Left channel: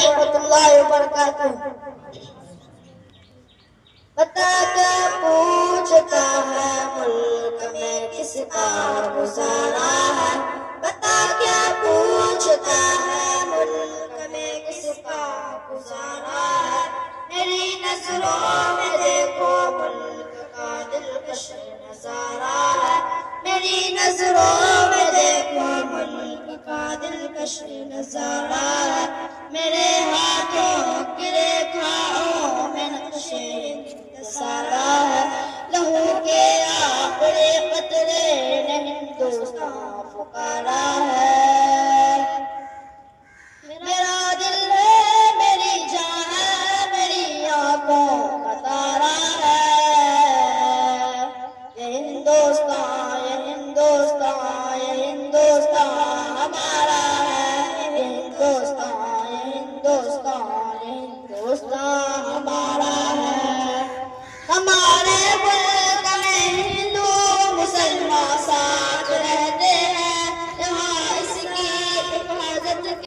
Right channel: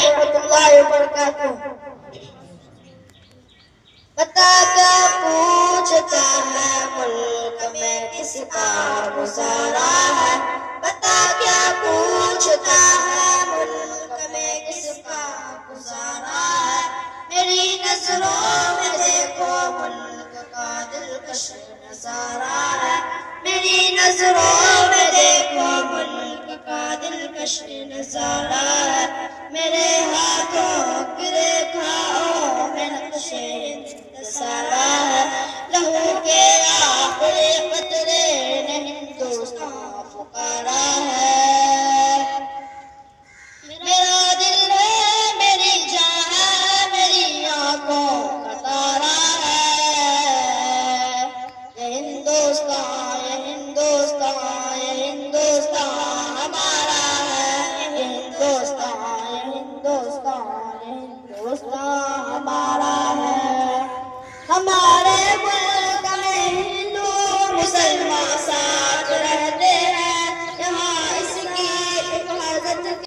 रहमतुल्लाहि व बरकातुहू। बता क्या पूछता है मुल्क में किसका गुजारा है, बता क्या पूछता है मुल्क में किसका गुजारा है। मेरी नजरों में देखो मुल्क का दिलकश नजारा है, मेरी नजरों में देखो मुल्क का दिलकश नजारा है। मेरे हाथों की रेखाओं में नक्शे सारा है, लहू के आखिरी कतरे ने हिंदुस्तान पुकारा है। मेरा दिल है, मेरी जान है, मेरी आंखों का तारा है। ये हिंदुस्तान, ये हिंदुस्तान, ये हिंदुस्तान हमारा है। ये हिंदुस्तान, ये हिंदुस्तान, ये हिंदुस्तान हमारा है। हमारा